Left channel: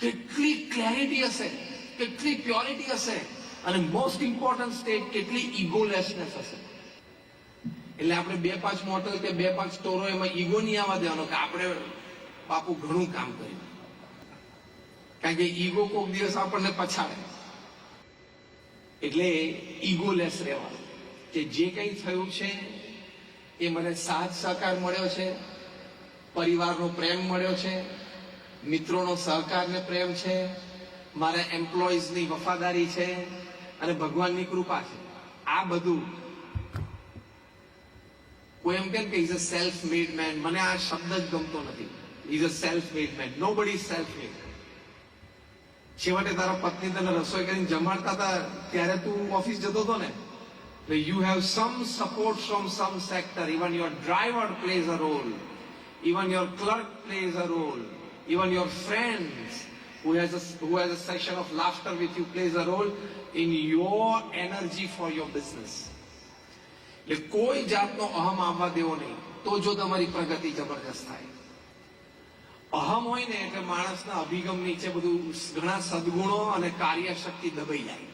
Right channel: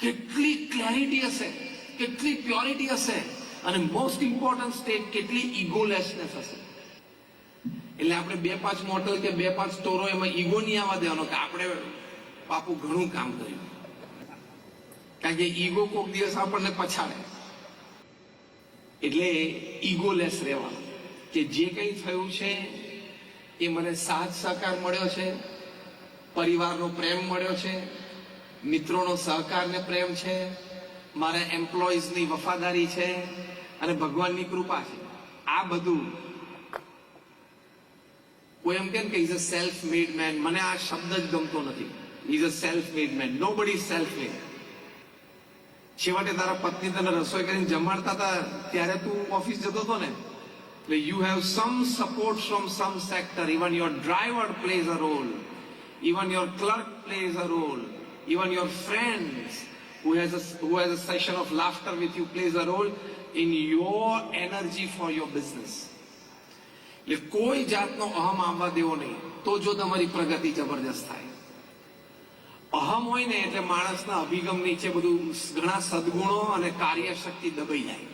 કેટલી ક્લેરિટી હશે, કેટલી પ્યોરિટી હશે, અને મોસ્ટ ઇમ્પોર્ટન્ટ સ્ટેટ કેટલી ઇગોલેસનેસ હશે. એટલે આપણે 2-5 મોટલ કે 2-5 સ્ટોરો એમાં ઈગો નહીં આવવા દેવાનો કે આપણે બાપુ ઘણું કામ કર્યું, કારણ કે ઈગો કોઈક દિવસ આપણને પછાડે. એટલે ઈગોલેસ રહેવાનું કે જે કંઈ થયું છે એ મને સાથ સહકાર મળ્યો છે, પરિવારનો પ્રેમ મળ્યો છે, મિત્રોનો સહકાર ને પ્રેમ છે, મારા એમ્પ્લોઈઝની વફાદારી છે અને ભગવાનની કૃપા છે. આ બધું કોઈ એમ કેમ કે is a self made man, મને આ શબ્દ જ ગમતો નથી. Is a self made man, nobody self મેડ. છેવટે તારા પત્ની તને રસોઈ કરીને જમાડતા હતા ત્યારે તું ઓફિસ જતો હતો ને, you have some support from some sector. Even your driver plays a role, even your clerk plays a role, even your friends who has a session of laughter with you plays a role in your energy for your business. એટલે કોઈ જાતનો અહમ આવવા દેવો નહીં, તો જો તમારી પ્રગતિ જબરજસ્ત થાય. અહમ હોય ને એટલે માણસના અભિગમ નીચે બધું ઘણા સદગુણો અને કાર્યશક્તિ દબાઈ જાય.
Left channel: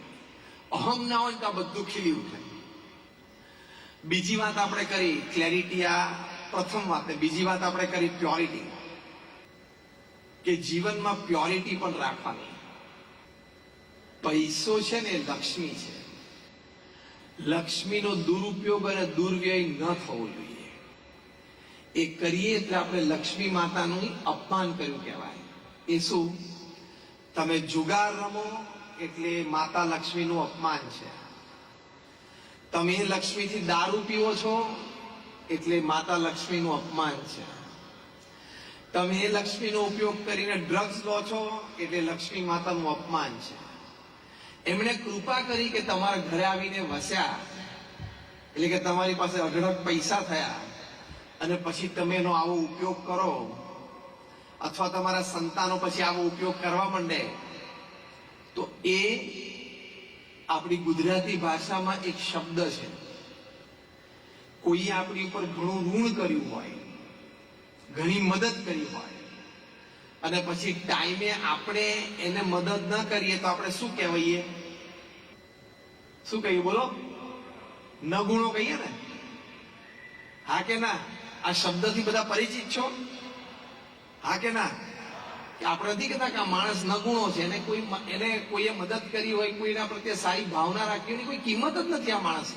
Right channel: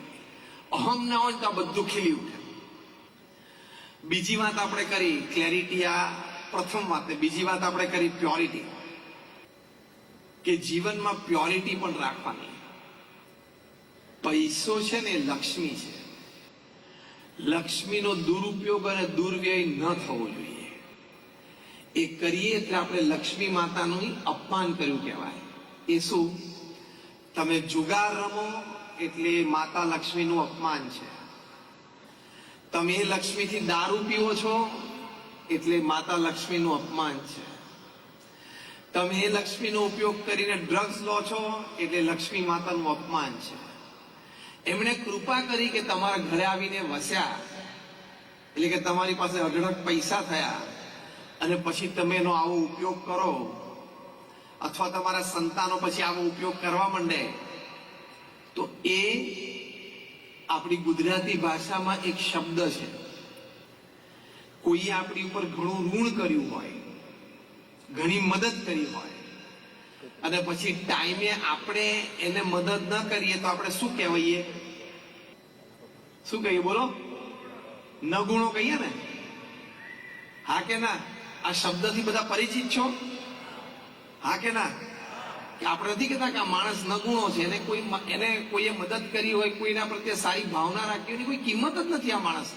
અહમ ના હોય તો આ બધું ખીલી ઉઠે. બીજી વાત આપણે કરી ક્લેરિટી, આ પ્રથમ વાત. બીજી વાત આપણે કરી પ્યોરિટી, કે જીવનમાં પ્યોરિટી પણ રાખવાની. પૈસો છે ને લક્ષ્મી છે, લક્ષ્મીનો દુરુપયોગ અને દુર્વ્યય ન થવો જોઈએ. એ કરીએ એટલે આપણે લક્ષ્મી માતાનું અપમાન કર્યું કહેવાય. એ શું? તમે જુગાર રમો એટલે માતા લક્ષ્મીનું અપમાન છે. તમે એ લક્ષ્મીથી દારૂ પીવો છો એટલે માતા લક્ષ્મીનું અપમાન છે. તમે એ લક્ષ્મીનો ઉપયોગ કરીને ડ્રગ્સ લો છો એટલે લક્ષ્મી માતાનું અપમાન છે. એમણે કૃપા કરી કે તમારા ઘરે આવીને વસ્યા, એટલે કે તમારી પાસે અઢળક પૈસા થયા, અને પછી તમે એનો આવો ઉપયોગ કરો, અથવા તમારા સંતાનો પછી આવો ઉપયોગ કરવા માંડે, તો એ આપણી ગુજરાતી ભાષામાં એક શબ્દ છે. કોઈએ આપણી ઉપર ઘણું ઋણ કર્યું હોય, ઘણી મદદ કરી હોય, અને પછી ટાઈમે આપણે એને મદદ ન કરીએ તો આપણે શું કહેવાઈએ? શું કહીએ? બોલો. નગુણો કહીએ ને? હા કે ના? આ શબ્દથી બધા પરિચિત છો? હા કે ના? કે આપણે નથી કહેતા કે આ માણસ નગુણો છે, એને કોઈએ મદદ કરી હોય, કોઈના પ્રત્યે સારી ભાવના રાખી હોય, કોઈ કિંમત જ નથી આ માણસ.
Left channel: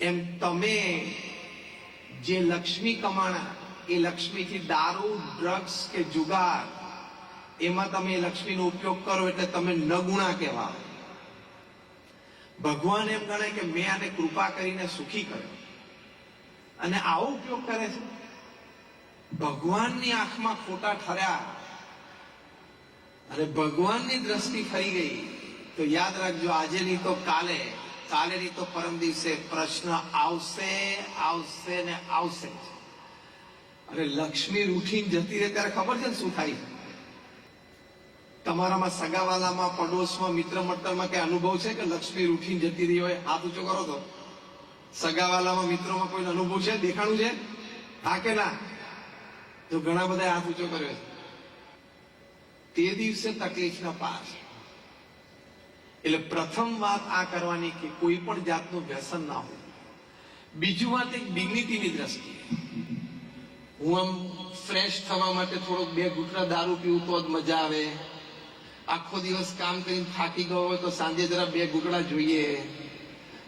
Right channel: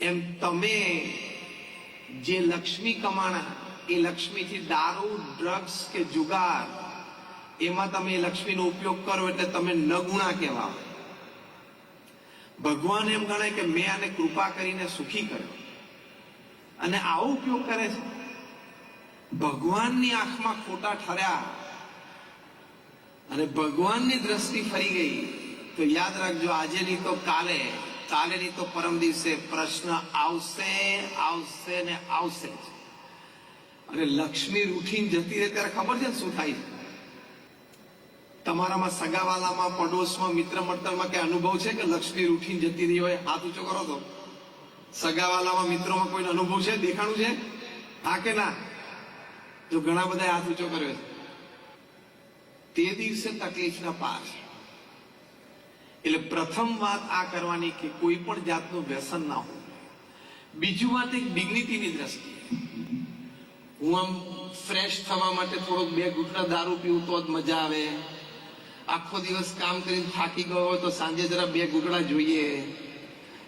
એમ તમે જે લક્ષ્મી કમાણા, એ લક્ષ્મીથી દારૂ, ડ્રગ્સ કે જુગાર, એમાં તમે લક્ષ્મીનો ઉપયોગ કરો એટલે તમે નગુણા કહેવાય. ભગવાન એમ ગણે કે મેં આને કૃપા કરીને સુખી કર્યો, અને આવો ઉપયોગ કરે છે. ભગવાનની આંખમાં ખોટા ઠર્યા અને ભગવાનની દ્રષ્ટિ ફરી ગઈ તો યાદ રાખજો, આજે નહીં તો કાલે, કાલે નહીં તો પરમ દિવસે પ્રશ્ન આવશે, આવશે ને આવશે. અને લક્ષ્મી રૂઠીને જતી રહે ત્યારે ખબર છે ને શું થાય? તમારામાં સગાવાલામાં, પડોશમાં, મિત્ર મંડળમાં કઈ અનુભવ છે કે લક્ષ્મી રૂઠીને જતી રહી હોય? હાથ ઊંચો કરો તો. સગાવાલામાં, મિત્રોમાં કોઈ અનુભવ છે? દેખાણું છે? હા કે ના? તો ઘણા બધા હાથ ઊંચો કર્યો. તે દિવસે તકલીફના પાર. એટલે પ્રથમ વાત આ કરવાની કે કોઈ પણ જાતનું વ્યસન ના હોય. બીજું વાત એક ડિગ્નિટીની દ્રષ્ટિએ, હું આમ ફ્રેશ થવા માટે થોડોક 2 ઘૂંટડા દારૂ પીવું તો જ મજા આવે. આખો દિવસ કામ કરીને થાકી ગયો હોય તો સાંજે જરા 2 ઘૂંટડા જોઈએ,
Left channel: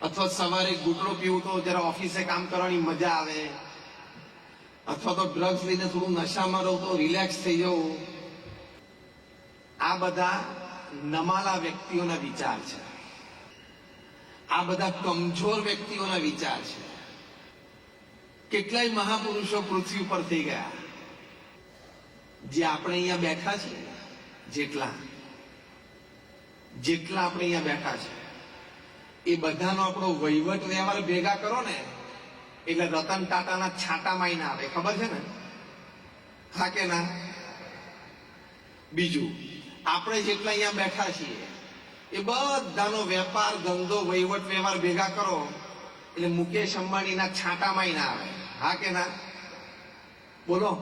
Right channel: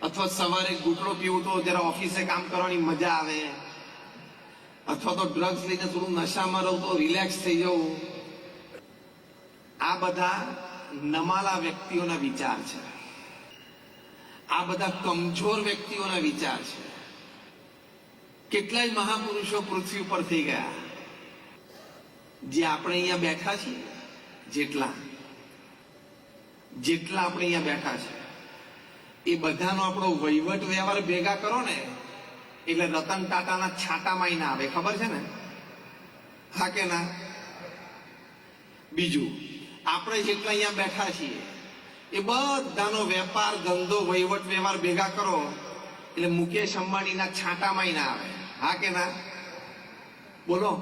અથવા સવારે ઘૂંટડો પીવું તો જરા ઓફિસે કામ કરવાની મજા આવે, અથવા તો ડ્રગ્સ લઈને થોડું નશામાં રહું તો રિલેક્સ થઈ જવું. આ બધા નમાલા વ્યક્તિઓના વિચાર છે. આ બધા કમજોર વ્યક્તિઓના વિચાર છે. કેટલાય મહાપુરુષો પૃથ્વી પર થઈ ગયા, જે આપણે અહીંયા બેઠા છીએ, જેટલા આપણે અહીંયા બેઠા છે, એ બધાનો આપણો વહીવટ વ્યવહાર ભેગા કરો ને એટલે રતન ટાટાના છાંટામાં ના આવે. ખબર છે ને? હા કે ના? બીજું, આપણે જેટલા અહીંયા બેઠા છીએ એ બધાનો વેપાર, ધંધો, વહીવટ વ્યવહાર ભેગા કરો એટલે મુકેશ અંબાણીના છાંટામાં ના આવે. હા કે ના? બોલો.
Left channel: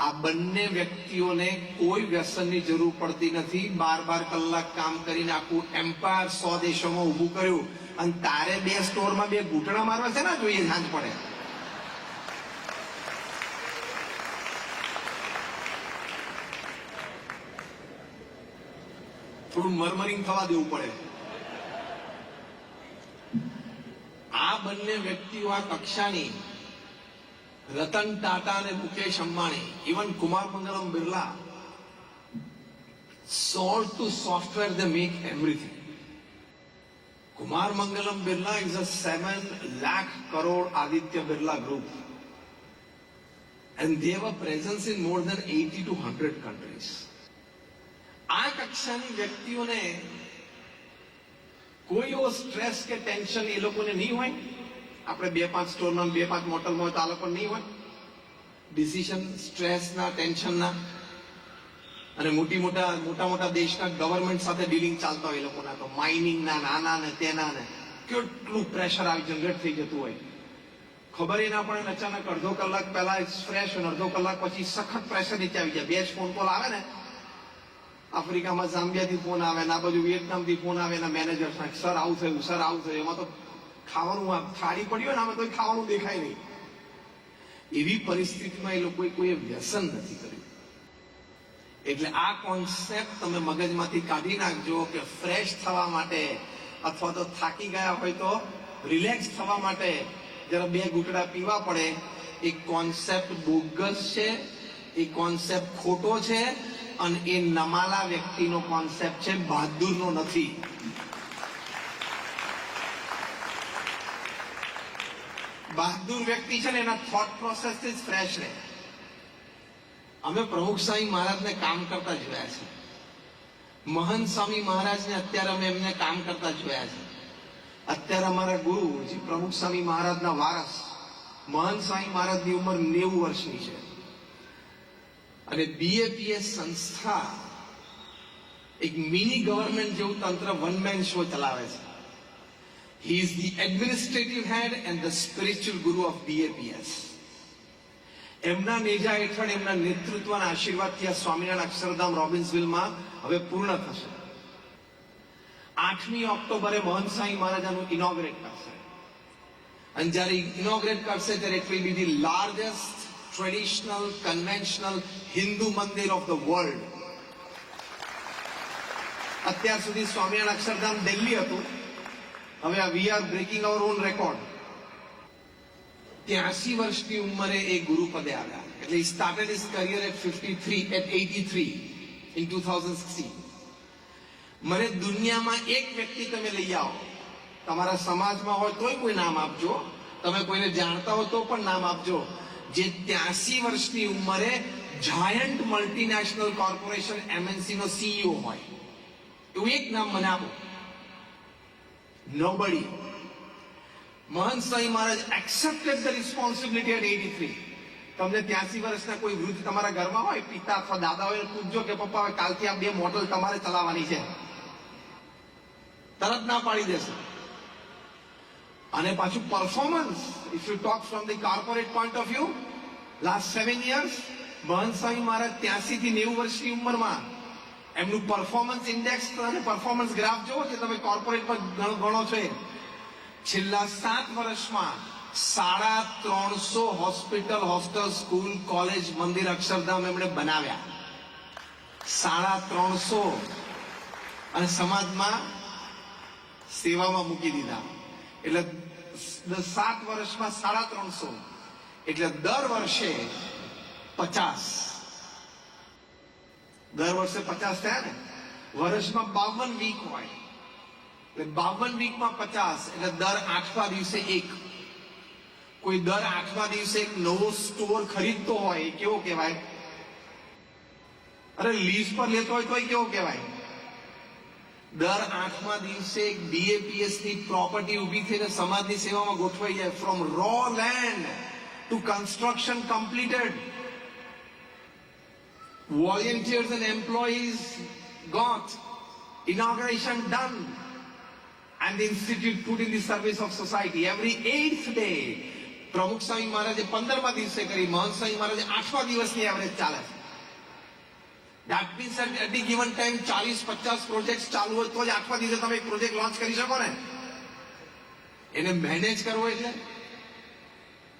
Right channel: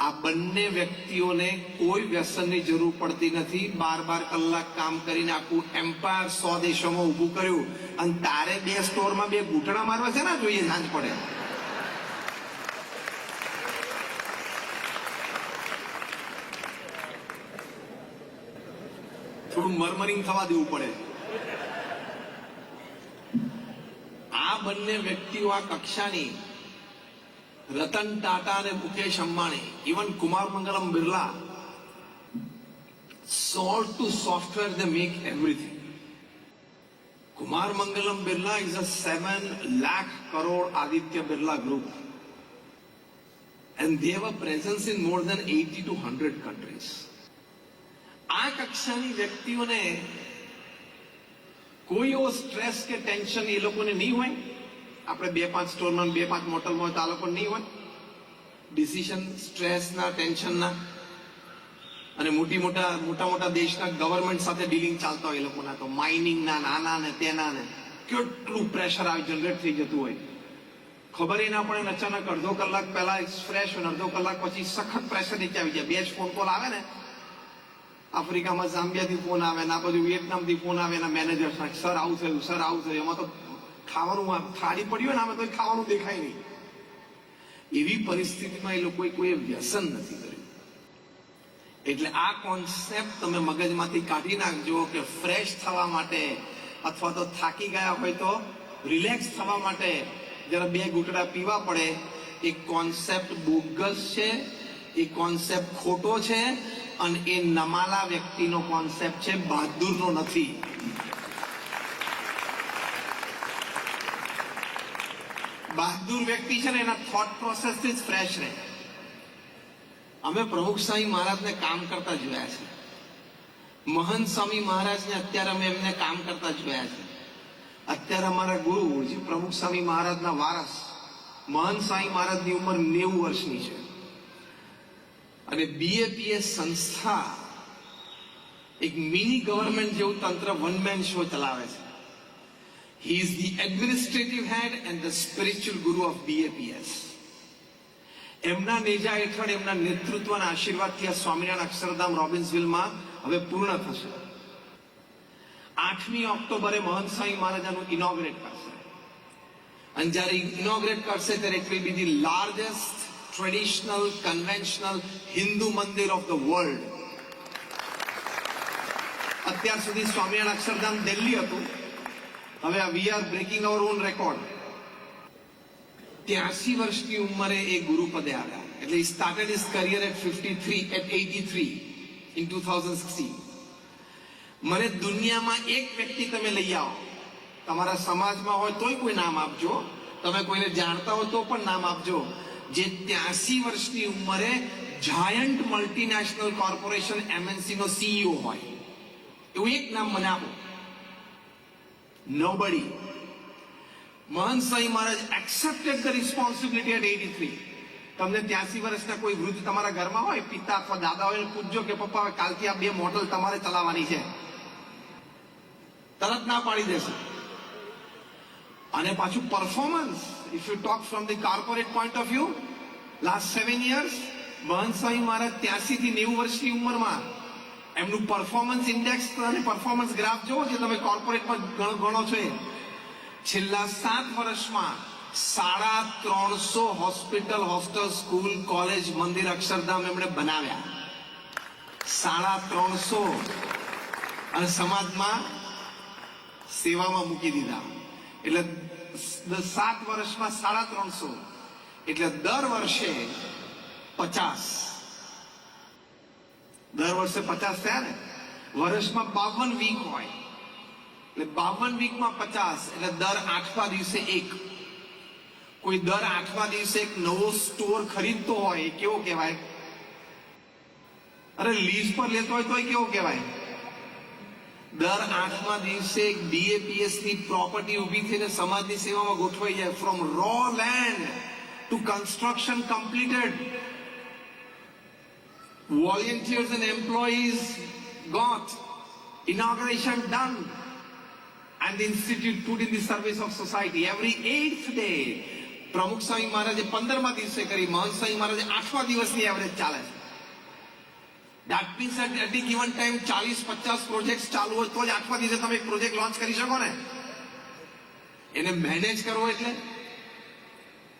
આ બંને વ્યક્તિઓને કોઈ વ્યસનની જરૂર પડતી નથી. 12 કલાક કામ કરીને આખું એમ્પાયર 100 દેશોમાં ઊભું કર્યું, અને તારે 2 સ્ટોરમાં 2 ઘૂંટણા મારવા છે ને જોઈએ સાંજ પડે. થોડું મરમરીને થવા દેવું પડે. આ બંને વ્યક્તિઓ આ કક્ષાની, રતન ટાટા અને Mukesh Ambani, even Kumar Mangalam Birla, sold to software, they make everything. Kumar Mangalam Birla is a 7 lakh crore Aditya Birla group, and they have a presence in more than 80 to 100 countries. આ કક્ષાની વ્યક્તિઓને કોઈ એવો સ્ટ્રેસ કે ટેન્શન એ લોકોને નહીં હોય. આપણે 2-5 સ્ટોરમાં 2-5 મોટલમાં હોય તો આ લોકો નહીં હોય ડિસિઝન સ્ટ્રેસના, ટેન્શનના. અને મોટા દેશના ગવર્નમેન્ટ સાથે ડીલિંગ ચાલતા હોય એ લોકોના, તો માઇનિંગના, નાના ને તેના ને કેટલું પ્રેશર આ જનરેટ થઈ જતું હોય, ખબર ના પડે. અચાનક અડધો કલાક પહેલા ફ્રેશ અને અડધો કલાક પછી સખત પ્રેશર નીચે આવી જાય. 2 જ ફોન કોલ આવે ને, આફ્રિકામાં ઝામ્બિયાથી ફોન આવે ને, આ બાજુ વિયેટનામથી ફોન આવે ને, મેનેજર સર આવું થયું, સર આવું થયું. એમાં તો ખાવાનું થાળી પડ્યું ને, આમાં તો ખાવાનું દેખાય નહીં. એવી પરિસ્થિતિમાં એ લોકોએ કોઈ વ્યસન નથી કર્યું. એટલે આ કોન્સેપ્ટ તમે મગજમાંથી કાઢી નાખજો કે ફ્રેશ થવા માટે અથવા તો થાકી ગયા હોય તો રિલેક્સ થવા માટે જરા 2 ઘૂંટડા પીવા પડે. એ કોન્સેપ્ટ બોગસ છે, એ કોન્સેપ્ટ ખોટો છે, અને એ નમાલા વ્યક્તિનો કોન્સેપ્ટ છે, બહાદુરનો નથી. બહાદુર વ્યક્તિ છે ને એના થોટ પ્રોસેસથી જ ફ્રેશ રહે. અમે પ્રમુખ સ્વામી મહારાજને કામ કરતા જોયા છે. મહંત સ્વામી મહારાજને અત્યારે અમે એમને કામ કરતા જોયા છે. અત્યારે અમારા ગુરુ જે પ્રમુખ સ્વામી મહારાજના વારસ મહંત સ્વામી મહારાજની ઉંમર 90 વર્ષની છે, અને BAPS સંસ્થા એક મિની ગવર્નમેન્ટ જેવું તંત્ર વન મેન શો ચલાવે છે. He is the administrative head and the spiritual guru of BAPS. એમના નેજા હેઠળ, એમના નેતૃત્વના આશીર્વાદથી આ સ્વામિનારાયણ અક્ષરધામ રોબિન્સવિલમાં હવે પૂર્ણ થશે. 8મી ઓક્ટોબરે મહંત સ્વામી મહારાજ આનું ઇનોગ્રેટ કરશે, અને જ્યારે ઇનોગ્રેટ કરશે ત્યારે it will be the largest traditional conventional Hindu મંદિર ઓફ ધ વર્લ્ડ. અત્યાર સુધી સ્વામિનારાયણ અક્ષરધામ દિલ્હી હતું, હવે we are breaking our own record. 83 વર્ષની ઉંમરે એ ગુરુ પદે આવ્યા. એટલે he started his career at 83 in 2016. મને દુનિયામાં એક વ્યક્તિ તમે લઈ આવો, તમારા સમાજમાં હોય તોય કોઈ નામ આપજો, તમે કોઈને જાણતા હો તો પણ નામ આપજો, જે 83 વર્ષની ઉંમરે જાયન્ટ મલ્ટીનેશનલ કોર્પોરેશન MNC નો CEO હોય. એવું એક નામ મને આપો. Nobody. મહંત Swami Maharaj accepted the responsibility at 83. તમને 83 વર્ષના કોઈ વૃદ્ધ તમારા ઘરમાં હોય, પિતા અથવા દાદા હોય, પૂછજો કે પપ્પા કાલથી આ 2 મોડલ તમારે ચલાવવાની છે, તરત ના પાડી દેશે. અને પાછું performance, if you talk from the corporate point of view, last 7 years મહંત સ્વામી મહારાજ 83 થી 90 વર્ષની ઉંમરમાં એમનું પરફોર્મન્સ ઇન્ડેક્સ અને પરફોર્મન્સ ગ્રાફ જોવો, જે તમે કોર્પોરેટ પર ગણો છો, છેલ્લા 7 વર્ષમાં 350 હોસ્પિટલ, હોસ્ટેલ, સ્કૂલ, કોલેજ, મંદિર, અક્ષરધામ એમણે બનાવ્યા. 350, અને સમાજમાં સેવામાં મૂકી દીધા. એટલે 7 વર્ષમાં 350, એટલે દર વર્ષે 50. દર વર્ષે 50 થયા ને. વર્ષમાં 52 વીક હોય, એટલે 52 વીકમાં 50, એટલે દર 8મા દિવસે એક. કોઈ દર 8મા દિવસે એક નવો સ્ટોર ખરીદતો હોય, એ કેવો કહેવાય? અરે લીઝ પર લેતો હોય તોય કેવો કહેવાય? દર 8મા દિવસે એક BAPS ની પ્રોપર્ટી ઊભી થઈને સમાજની સેવામાં ગોઠવાઈ જાય. From raw land to construction completed. Volunteers and employees got inauguration done, and the institute put in the service of society. Every 8th day, પ્રમુખ સ્વામી મહારાજે 15મા દિવસે કરી, મહંત સ્વામી મહારાજે 8મા દિવસની એવરેજ ચાલે છે. That means at any given time 40-50 project ચાલુ હોય તો જ 8મા દિવસે તમે એક પ્રોજેક્ટ લોન્ચ કરી શકો ને. એને મેનેજ કરવો એટલે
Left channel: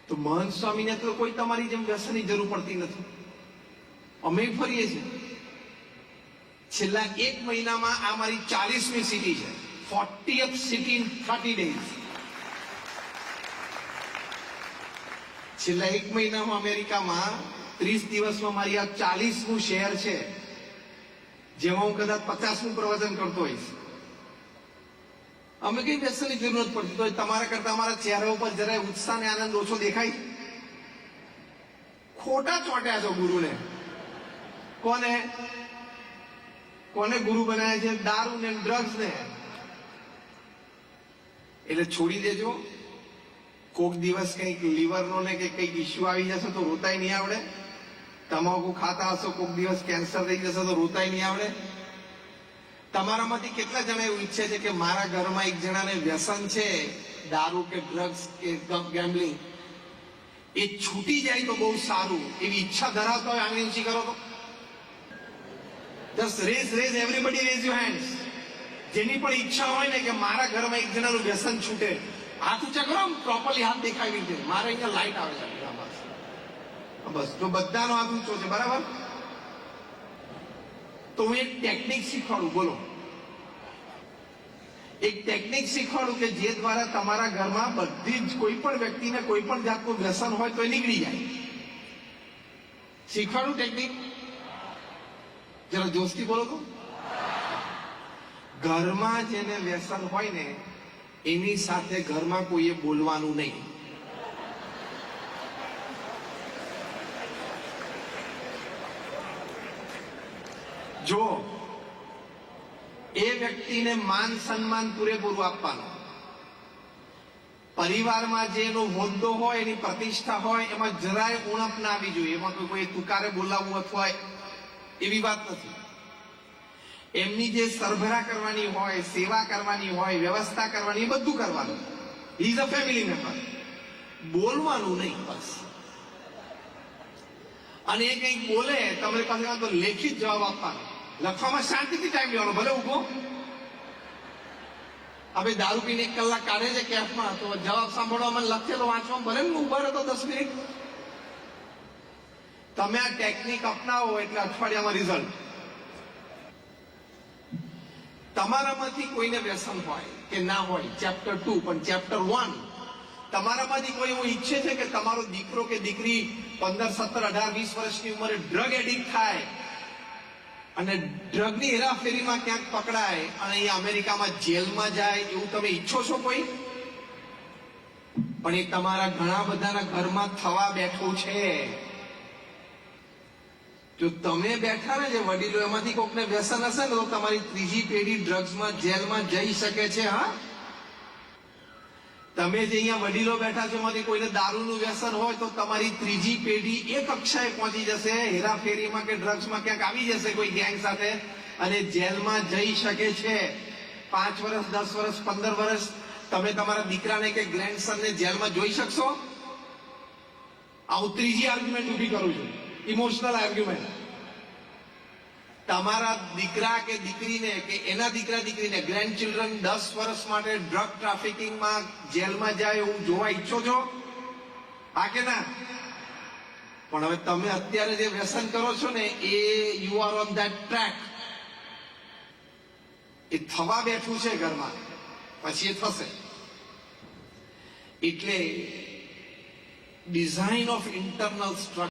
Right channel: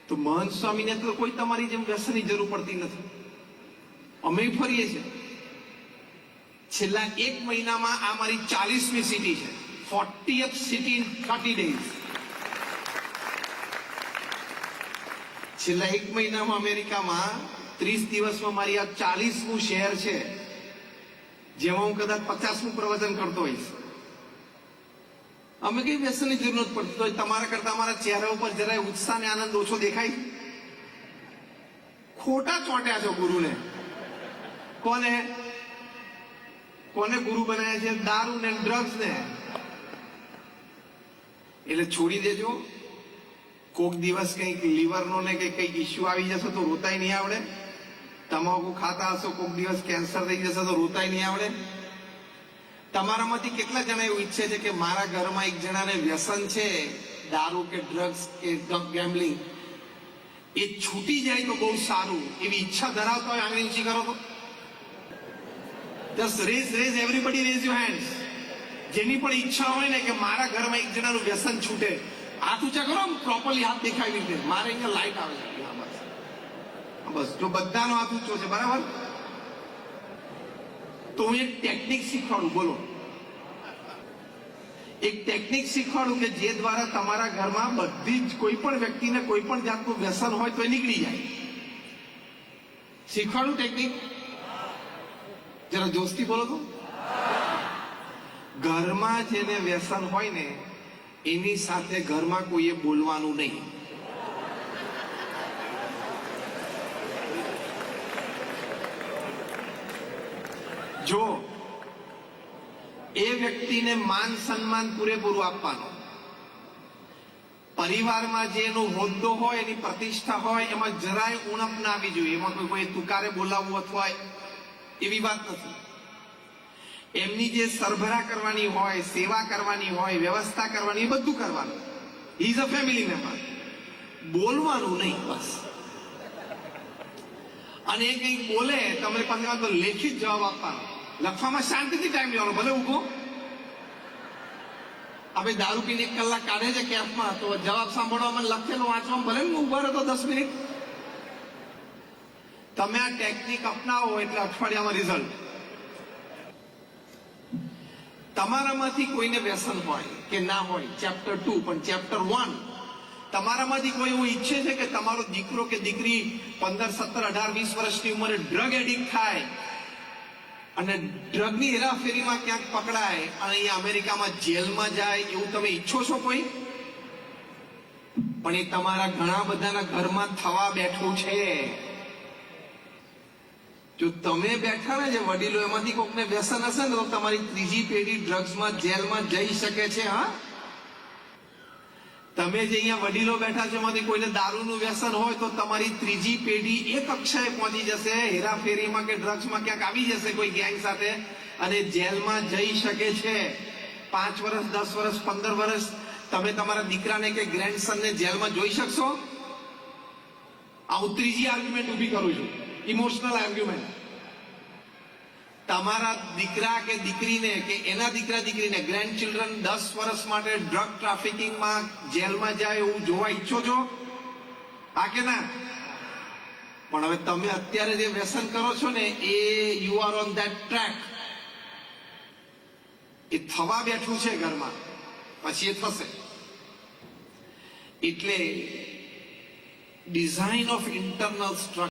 તો મહંત સ્વામીને તો કોઈ તમારી જેમ વ્યસનની જરૂર પડતી નથી. અમે ફરીએ છીએ. છેલ્લા 1 મહિનામાં આ મારી 40મી સિટી છે. 40th city in 30 days. છેલ્લા 1 મહિનામાં અમેરિકામાં 30 દિવસમાં મારી આ 40મું શહેર છે, જેમાં હું કદાચ 50મું પ્રવચન કરતો હોઈશ. અમે કઈ વ્યસનની જરૂર નથી પડતી. તો તમારા કરતા અમારા ચહેરા ઉપર જરાય ઉત્સાહ ને આનંદ ઓછો દેખાય છે. ખોટા ચોટ્યા છો ગુરુને. કોને કોને ગુરુ બનાવ્યા છે? દારૂ ને ડ્રગ્સ ને. એટલે છોડી દેજો. કોક દિવસ કંઈક લીવરનો ને કંઈક ઇસ્યુ આવી જશે તો રોતાય નહીં આવડે. તમાકુ ખાતા હશો, કોક દિવસ કેન્સર થઈ જશે તો રોતાય નહીં આવડે. તમારામાંથી કેટલા જણા એવું ઈચ્છે છે કે મારા ઘરમાં એક જણાને વ્યસન છે દારૂ કે ડ્રગ્સ કે ગેમ્બલિંગ, એ છૂટી જાય તો બહુ સારું, એવી ઈચ્છા ધરાવતા હોય? આંગળી ઊંચી કરો તો. Just raise everybody raise your hands. જેની પણ ઈચ્છા હોય ને કે મારા ઘરમાં એક જણાનું વ્યસન છૂટે, હાથ ઊંચા કરો. પ્રોપરલી હાથ દેખાવી છે. મારે અહીંયા લાઈટ આવે છે. બસ તો બધાનો હાથ ઊંચો છે, બરાબર? તો હું એક ટેકનિક શીખવાડું. બોલો, એક ટેકનિક શીખવાડું કે જે દ્વારા તમારા ઘરમાં બધી જ કોઈ પણ વ્યક્તિને કોઈ પણ જાતનું વ્યસન હોય તો એ નીકળી જાય. શીખવાડું ટેકનિક? જરા જોશથી બોલો તો. ઘરમાં જેને વ્યસન હોય ને એની સાથે ઘરમાં કોઈએ બોલવાનું નહીં. જો એ વ્યક્તિને માન સન્માન પૂરેપૂરું આપવાનું. પરિવારમાં જે એનો હોદ્દો હોય, એની પ્રતિષ્ઠા હોય, એમાં જરાય ઉણપ ના આવી જોઈએ. એમાં કોઈ તુકારે બોલાવવું અથવા એવી વાત નથી. એમની જે સરભરા કરવાની હોય, સેવા કરવાની હોય, વ્યવસ્થા કરવાની, એ બધું કરવાનું. He is a family member. બોલવાનું નહીં, બસ. અને એ કંઈક બોલે તમે પાસે તો લેખિત જવાબ આપવાનો. લખવામાં શાંતિથી ટાઈમ લેવાનો, ભલે ઉભો. હવે દારૂ પીને 1 કલાક કાઢે છે કેફમાં, તો જવાબ સાંભળવામાં લખેલો વાંચવામાં ભલે ઉભો રહો તો 10 મિનિટ. તમે આ ટેકનિક અપનાવો એટલે અઠવાડિયામાં રિઝલ્ટ. તમારામાંથી કોઈને વ્યસન હોય કે ના હોય, ચેપ્ટર 2, પણ ચેપ્ટર 1 તમારામાંથી કોઈ એવું ઈચ્છે છે કે તમારો દીકરો કે દીકરી 15, 17, 18, 20 વર્ષની ઉંમરે ડ્રગ એડિક્ટ થાય અને ડ્રગની હેરાફેરીમાં ક્યાંક પકડાય અને એ અમેરિકામાં જેલમાં જાય, એવું તમે ઈચ્છો છો કોઈ? પણ એ તમારા ઘણા બધાના ઘરમાં થવા બેઠું છે. જો તમે બેઠા ને જે વડીલો, એમાંથી કોકને વ્યસન હશે ને તો તમારી ત્રીજી પેઢી ડ્રગ્સમાં જેલમાં જઈ શકે છે. હા, તમે જે અહીંયા વડીલો બેઠા છે એમાંથી કોઈને દારૂનું વ્યસન હોય તો તમારી ત્રીજી પેઢી એ કક્ષાએ પહોંચી જશે, હેરાફેરીમાં કે ડ્રગ્સમાં ક્યાંક આવી જશે કોઈ ગેંગ સાથે અને જેલમાં જઈ શકે છે. 5 વર્ષ, 10 વર્ષ, 15 વર્ષ તમે તમારા દીકરાને કે ગ્રેન્ડસનને જેલમાં જોઈ શકશો? આ હું ત્રીજી આર્ગ્યુમેન્ટ ઊભી કરું છું, ઇમોશનલ આર્ગ્યુમેન્ટ. તમારા દીકરા કે દીકરીને કે એના દીકરા દીકરીને, ગ્રેન્ડ ચિલ્ડ્રન 10 વર્ષ માટે ડ્રગ ટ્રાફિકિંગમાં જેલમાં જાય એવું જોવા ઈચ્છો છો? હા કે ના? પણ હવે તમે અત્યારે જે વ્યસન કરો છો ને એ you are on that track. એ થવા બેઠું છે ઘરમાં, પછી એ થશે. એટલે ડિઝાઇન ઓફ ઇન્ટરનલ સ્ટ્રક્ચર